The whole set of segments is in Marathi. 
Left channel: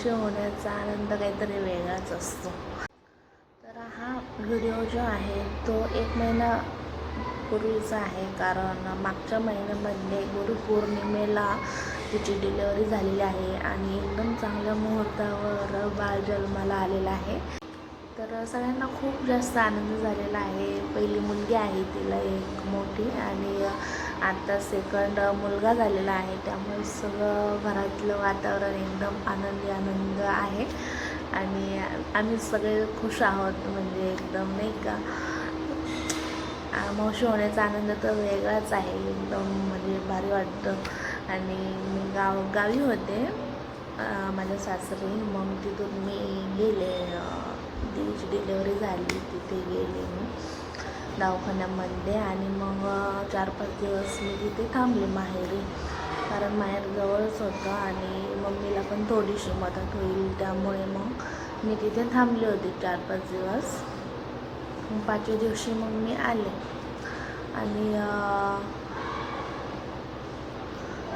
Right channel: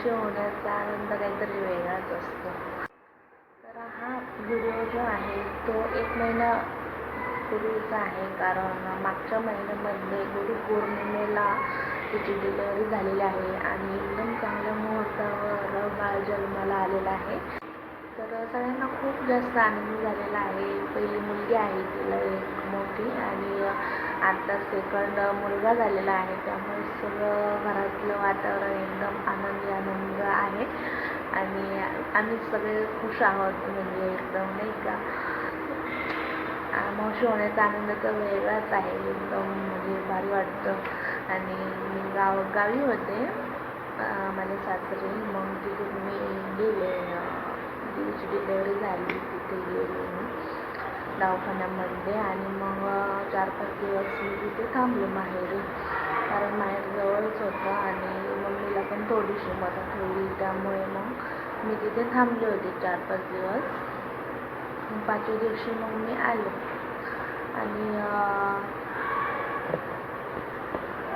खुशी होण्याचा आनंद काहीतरी वेगळाच असतो. तर हा व्हिडिओ जो आहे तो एक महिना पूर्वीचा आहे. कारण मागच्या महिन्यामध्ये गुरुपौर्णिमेला तिची डिलेवरी झालेली आहे आणि एकदम चांगल्या मुहूर्तावर बाळ जन्माला आलेला आहे. तर सगळ्यांना खूप जास्त आनंद झालेला आहे. पहिली मुलगी आहे तिला एक मोठी आणि सेकंड मुलगा झालेला आहे. त्यामुळे सगळं घरातलं वातावरण एकदम आनंदी आनंद आहे. आणि आम्ही सगळे खुश आहोत म्हणजे एकदम नाही का? मावशी होण्याचा आनंद तर वेगळाच आहे. एकदम म्हणजे भारी वाटतं. आणि गाव गावी होते माझ्या सासरी. मग तिथे मी गेले अं, तिची डिलेवरी झाली तिथे गेले मग दवाखान्यामध्ये आणि मग अं, चार पाच दिवस मी तिथे थांबले माहेरी कारण माहेर जवळच होतं आणि मम्मीला पण थोडीशी मदत होईल त्यामुळे मग मी तिथे थांबले होते चार पाच दिवस. पाचव्या दिवशी मग मी आले. आणि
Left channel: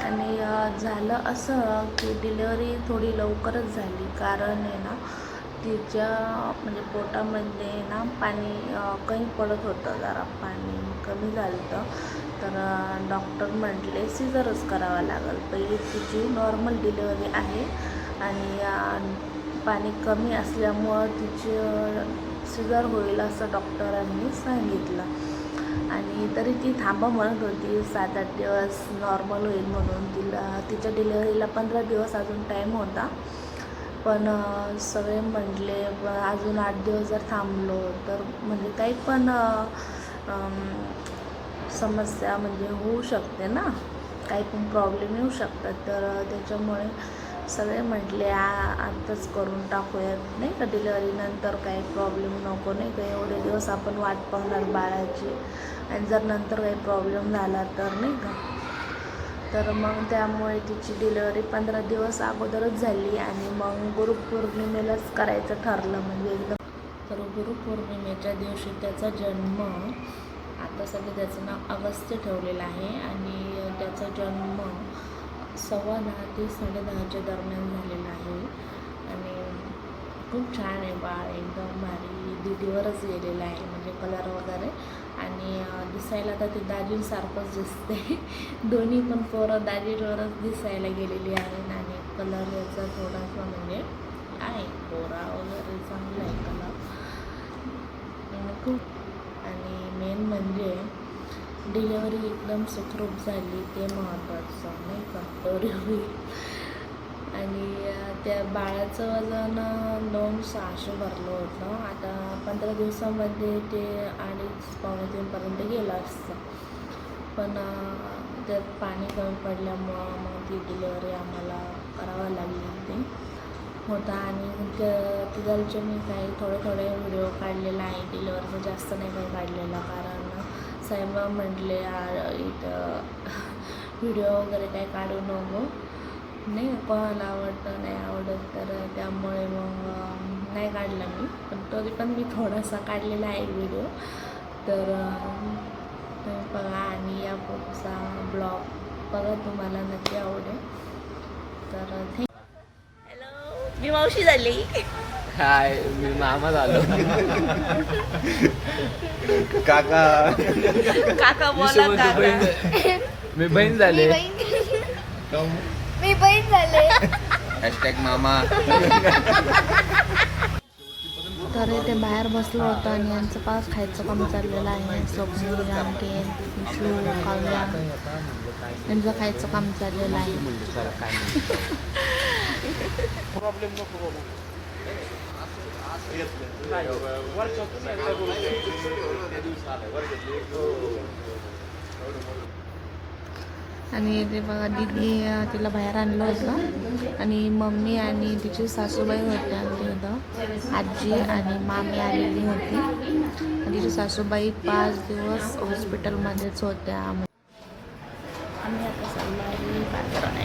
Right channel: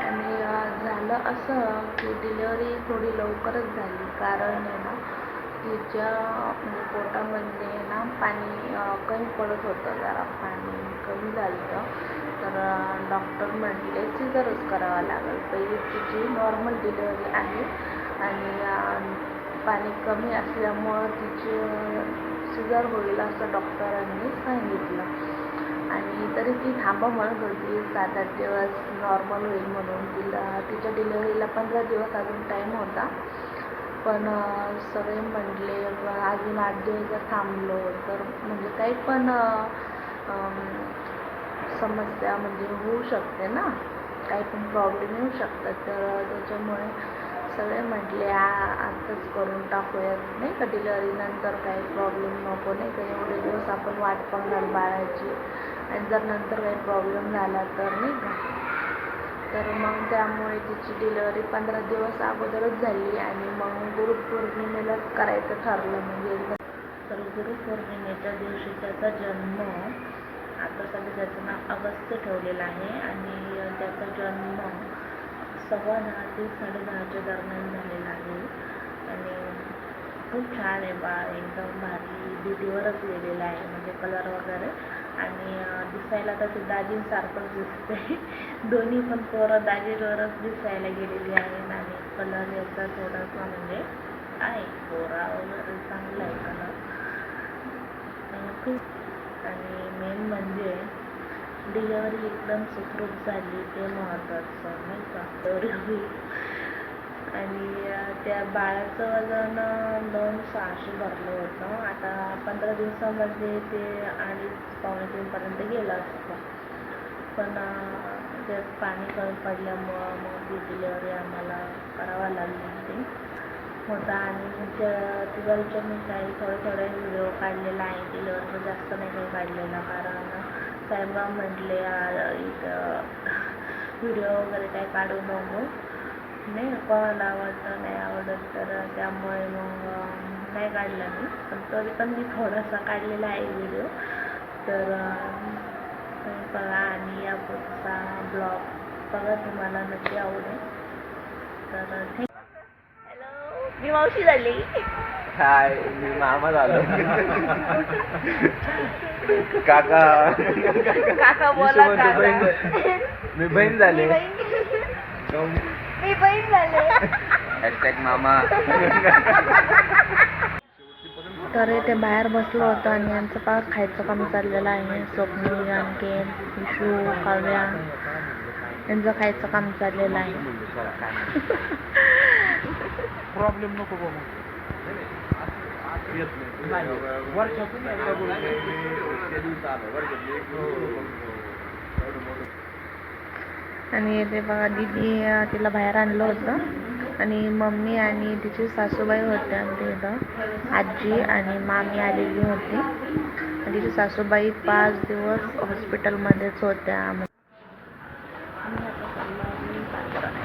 आणि झालं असं की डिलेवरी थोडी लवकरच झाली. कारण आहे ना तिच्या म्हणजे पोटामध्ये ना पाणी कमी पडत होतं. जरा पाणी कमी झालं होतं. तर डॉक्टर म्हटले सिझरच करावं लागेल. पहिले तिची नॉर्मल डिलेवरी आहे आणि पाणी कमी असल्यामुळं तिची सिझर होईल असं डॉक्टरांनी सांगितलं. आणि तरी ती थांबा म्हणत होती सात आठ दिवस नॉर्मल होईल म्हणून. तिला तिच्या डिलेवरीला पंधरा दिवस अजून टाईम होता. पण सगळे म्हटले अजून आठ दिवस जर थांबलो तर म्हणजे काही पण समस्या म्हणजे होऊ शकते ना. काही पण प्रॉब्लेम येऊ शकतात. तर त्याच्यामुळे सगळे म्हटले आ आताच करून टाकूयात नाही का डिलिव्हरीनंतर काही प्रॉब्लेम नको नाही का? एवढे दिवस आपण वाट पाहणार बाळाची. आणि जर नंतर काही प्रॉब्लेम झाला तर नाही का? तर मग त्यामुळे तिची डिलिव्हरी पंधरा दिवस अगोदरच झाली आणि मग गुरुपौर्णिमेलाच करायचं ठरलं म्हणजे. एकदम तर गुरुपौर्णिमेच्या दिवशी त्याचा जन्म आता सध्या त्याचं नाव अगस्त्य ठेवलेलं आहे आणि त्याचा जन्म सव्वा दहा ते साडेदहाच्या दरम्यान झालेला आहे आणि खूप छान आहे बाळ एकदम भारी दिदीवरच गेलेलं आहे म्हणजे कलर वगैरे आणि अं, दिसायला तर ते दाजीसारखंच दिसते दोन्ही पण पोरं दाजीवरच दिसायला गेलेले आहेत आणि कलर याचा थोडा म्हणजे आहे. पोरा वगैरे चांगला आहे कलर खूप. आणि मेन म्हणजे डिलेवरी एकदम सुखरूप झाली. ते महत्त्वाचं नाही का? डिलेवरी आणि त्या बाळाचं वजन नऊ सहाशे भरलं होतं. आता पंधरा दिवसामध्ये ते अडीच पावणे तीनपर्यंत गेलं असतं. पण पडल्यामुळं मग ती डिलेवरी आम्हाला करावा लागली होती. होता आणि त्या तिघांचे मी काही थोडे थोडे व्हिडिओ काढलेला आहे डिलेवरचा जास्त नाही मी काढलेला कारण साहेबा म्हटले "यार, इथं व्हिडिओ वगैरे काही काढू नको. नाही का, कोणाला आवडतं नाही आवडत तर त्यामुळे मग नाही काढला मी. पण तरी पण मी थोडासा काढलेला आहे व्हिडिओ. तर बघा आणि या पुढचा ब्लॉग बघा तुम्हाला नक्की आवडेल. तर हॅलो मी मावशी झाली. काय मी मामा झालो. काका. काका बोला मी काका. मी बहीण झाले. मी बहीण झाले. हॅशटॅग मामा. तर इथे बाहेर बसलो होतो आणि यांचं पास खायचं काम चाललेलं आहे. स्वप्नील रामकेन विशू काव्या यांचं खायचं काम चाललेलं आहे. प्रॉब्लेम नको बघू वर्षातून आणि ते बघा दिदी तिला बाहेर आणलं होतं. आणि मम्मी आणि तिची सासूबाई होत्या तिथं आजी आणि मामी आलेली होती. आणि तिची सासूबाई पाच दिवस हॉस्पिटलमध्येच होत्या आम्ही आता चाललो आहे बाजारात.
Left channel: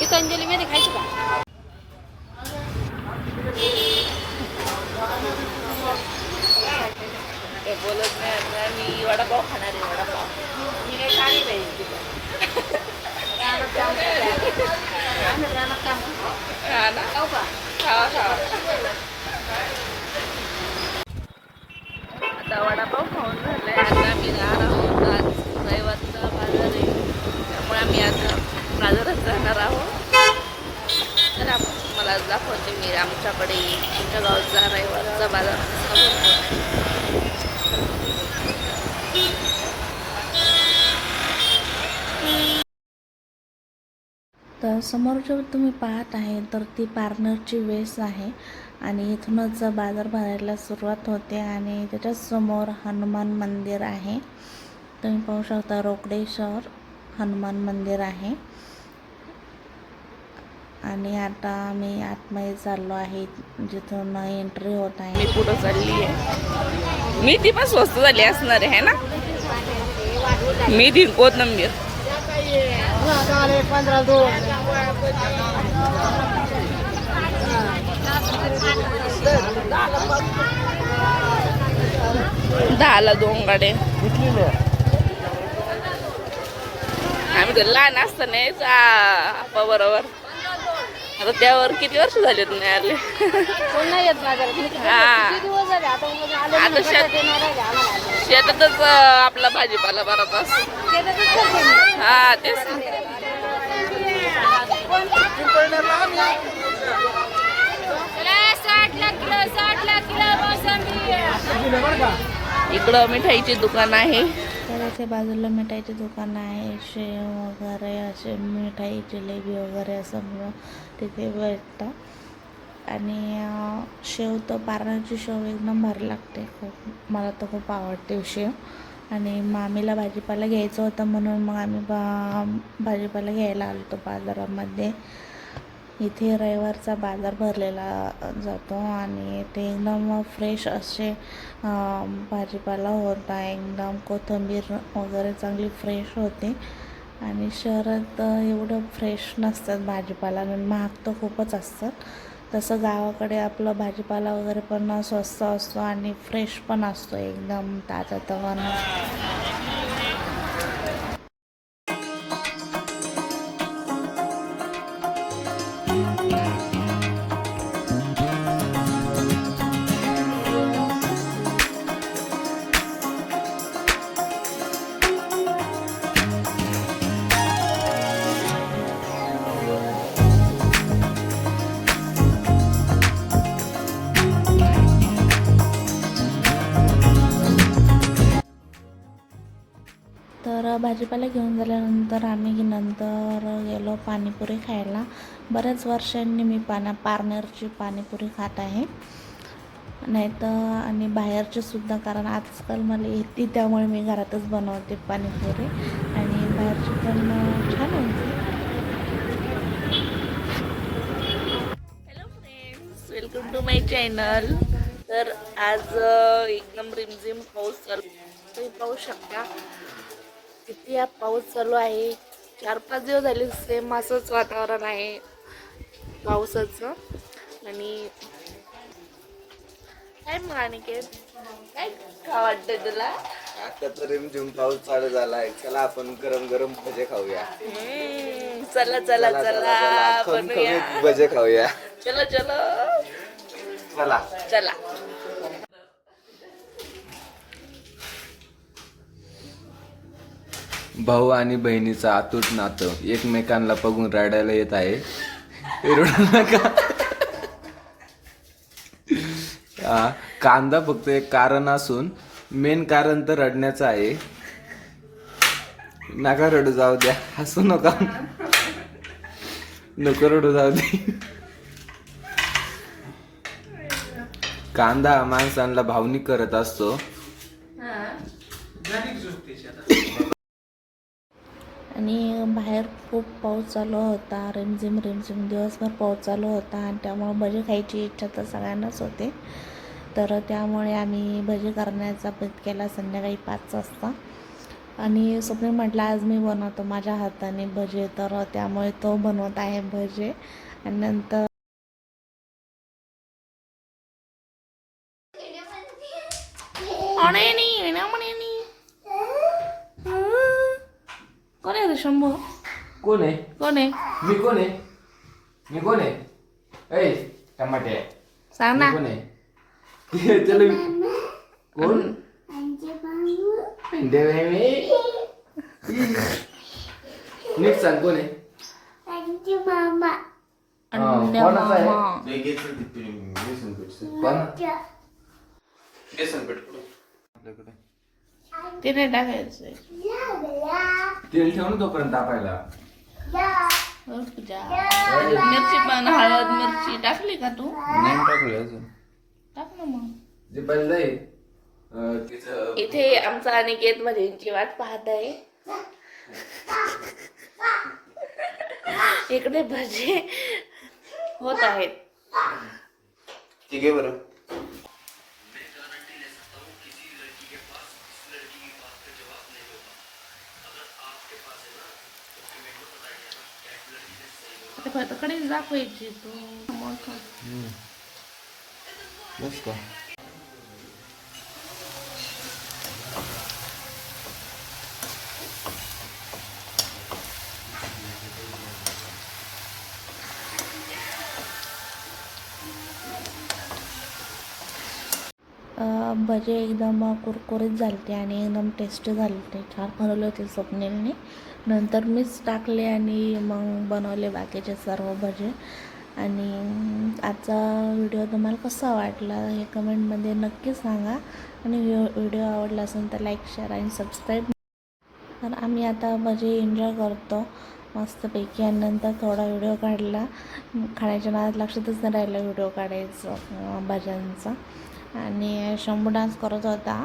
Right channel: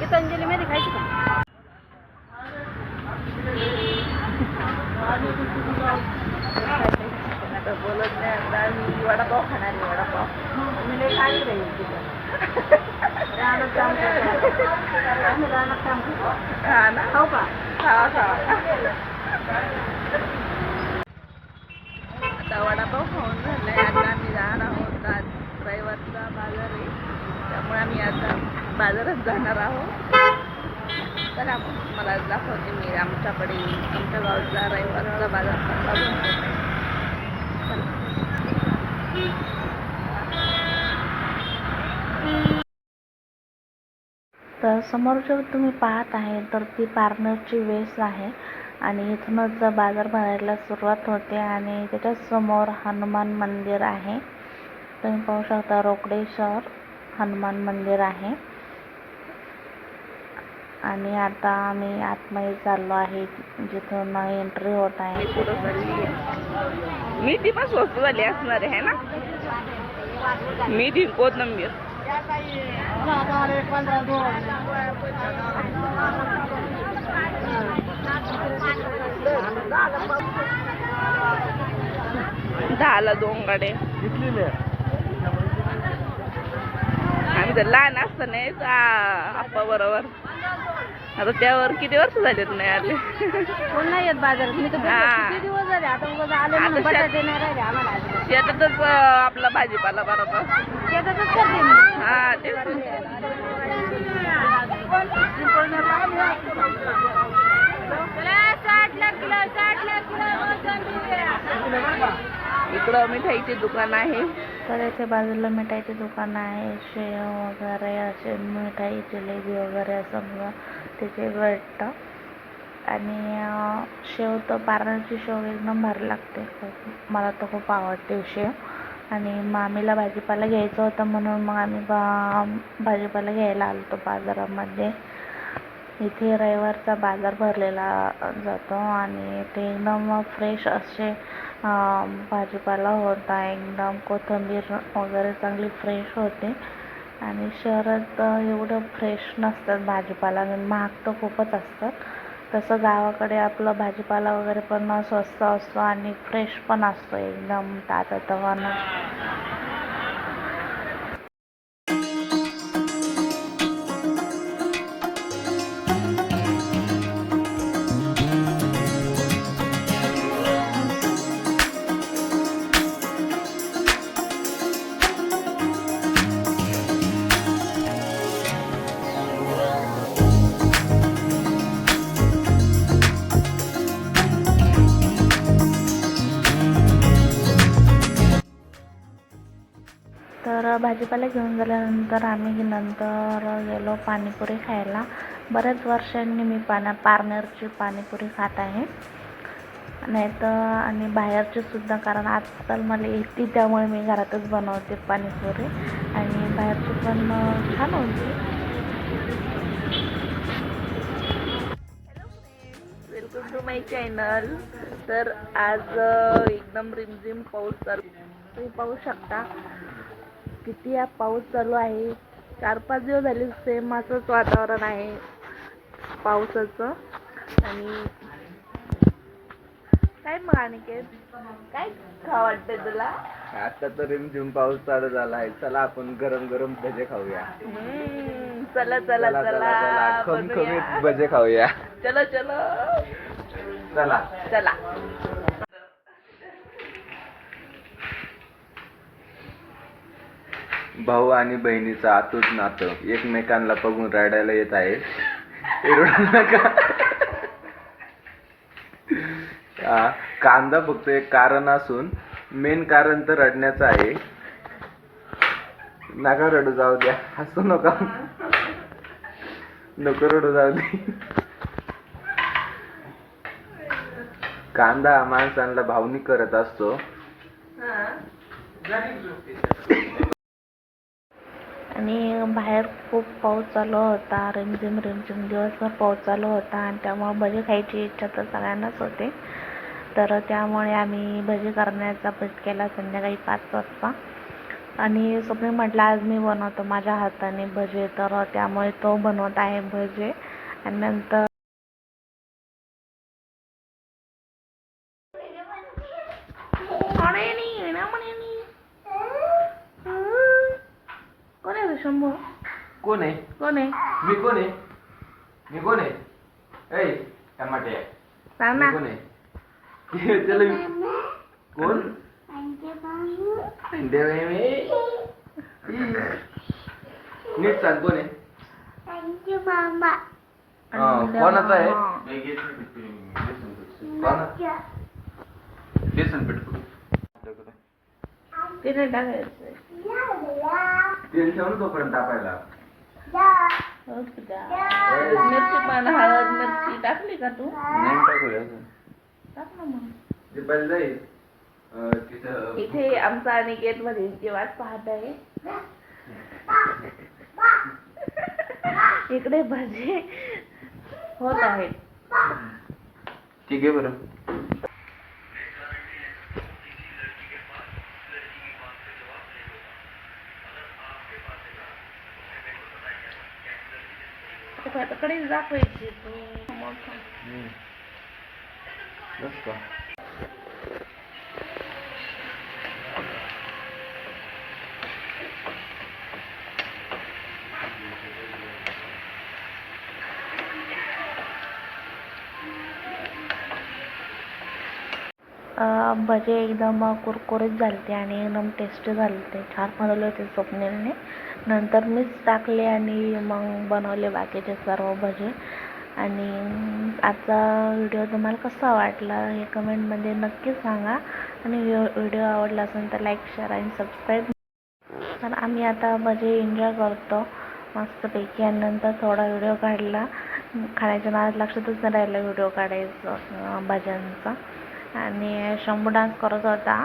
गीतांजली मध्ये खायची का आता बोलत नाही आता मी वडापाव खाणार आहे वडापाव मी लई खाई नाही आमच्या गावचा रविवारचा बाजार असा भरतो. तर समोर जे तुम्ही पाहत आहे तर ती पार्लरची वेस आहे आणि इथूनच बाजार भरायला सुरुवात होते आणि त्याच्यासमोर हनुमान मंदिर आहे. तुम्ही पाहू शकता रोकडेश्वर हनुमान मंदिर आहे. आणि आता आम्ही आतमध्ये चाललो आहे जिथून एंट्री होत आहे. मी पुढं चालली मी ती पण स्वस्त झाली असणार आहे ना? मी दिन कोथंबीर दहाला दोन गाडे आम्ही तर लहान असताना यायचो, आ, आप्पा बरोबर. आता त्यावर किती वर्ष झालेत नाही आले? हा. आता शेत- शेतातच आपला भाजीपाला मी. हा तेच इकडं मिठाईची दुकान आहे. कड्याच्या बाजूला मिठाईचे दुकान आहे. शेव वगैरे असे मिठाई जिलेबी वगैरे असं तिथे भेटतं. आणि शेव तर पारणाची शेव एकदम भारी लागते. खूप मला तर खूप आवडते शेव. आणि मामीला भाजीपाला घ्यायचं होतं म्हणून मग आम्ही बा भाजीपाला घ्यायला आलो होतो बाजारामध्ये. इथे रविवारचा बाजार भरलेला जातो आणि ते एकदम फ्रेश असे भाजीपाला होता. एकदम कोथिंबीर वगैरे चांगली फ्रेश होते. आणि शहरात एवढं फ्रेश नसतात भाजीपाला आणि महाग तर खूपच असतात. तसं गावाकडे आपलं भाजीपाला वगैरे पण स्वस्त असतो आणि फ्रेश पण असतो एकदम ताजं तवानं. वर्षांनी मी पाण्या पार्नरची पाणीपुरी खात आहे. नाही तर आणि बाहेरचे सुद्धा कारण आजकाल मला येते त्यामुळे मी घरातच बनवते पाणीपुरी. आणि बाहेरची पण छान होते. Hello friends welcome to my channel तर आज एकदम रिमझिम पाऊस चालू तुम्ही पाहू शकता किती हा पाऊस चालू आहे. चार पाच दिवस झाले सेम असंच वातावरण आहे. पावसाचं. आणि काय मग अनिकेत काय खा तुला? आता तर रिमझिम पाऊस चालू झालाय. चला आपण गरम गरम भजे खाऊया. हम्म, चला चला चला चला चला बनवूया. खमखमीत भजे खाऊया. चलो चलो. चला. चला. भाऊ आणि बहिणीचं आतूट नातं. एकमेकांना बघून रडायला येत आहे. रडू नका. हा, कांदा फक्त एक कारण असून मेन कारण तर रडण्याचं आहे. नका रडू जाऊ द्या. हसू नका. नको रडू जाऊ दे. कांदा हा माणसांना भावनिक करत असतो. आणि बाहेर खूप पाऊस चालू होता. रिमझिम रिमझिम दिवसभर पाऊस चालू होता आणि त्यामुळे भजी खायची इच्छा तर सगळ्यांनाच होते. तर त्यामुळे आम्ही भजी करण्याचा बेत केला संध्याकाळी पाच वाजता. आणि स्वप्नील म्हटलं आज मी बनवतो माझ्या हाताने भजे. तर त्यामुळे तो बनवत आहे भजे. आणि नंतर अरे नाही येण्या म्हणे नाही कोण आहे रे शंभू कोण आहे? कोण आहे? मी कोण आहे? मी कोण आहे? ऐ टमाटे. सांग मी ना कोण आहे? चलो कोण? आहे मी नीट सांग कोण आहे? अन्य कोणाचा आहे? मामा. कोणा? बेसन पीठ. कुठं? टाकायचं. तेल ठेव ना तोपर्यंत तापायला. पूजा मिरची पण हळद मिरची टाकली का तू? नाही टाकूया अजून. टाक ना मग. ते पहिलं आहे अं, तिचं इथे आमचा अनिकेत भजींची वाट पाहत आहे. इकडे भजी होत आहेत. ठीक आहे बरं. कडे दाखवायची तू मग बस का अं, भजे एकदम कुरकुरीत झालते आणि एकदम टेस्टी झालते. छान बनवले होते स्वप्नीलने. नंतर मीच टाकले आणि मग बनवले बाकीचे सर्व भजे. आणि आजचा व्हिडिओ तुम्हाला कसा वाटला हे कमेंटमध्ये नक्की सांगा. आणि व्हिडिओ आवडला असेल तर लाईक शेअर आणि सबस्क्राईब. तर आम्ही आता भजे एन्जॉय करतो मस्तपैकी. आणि नंतर थोडा व्हिडिओ काढला. खाण्याच्या नावात लक्षातच नाही राहिलं व्हिडिओ काढायचं अं, भज्यांचा. आणि शंभू डान्स करत होता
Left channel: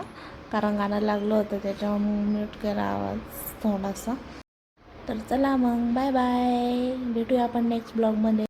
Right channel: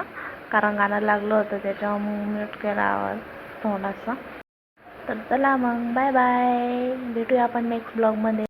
कारण गाणं लागलं होतं त्याच्यावर म्यूट केला आवाज थोडासा. तर चला मग बाय बाय भेटूया आपण नेक्स्ट ब्लॉगमध्ये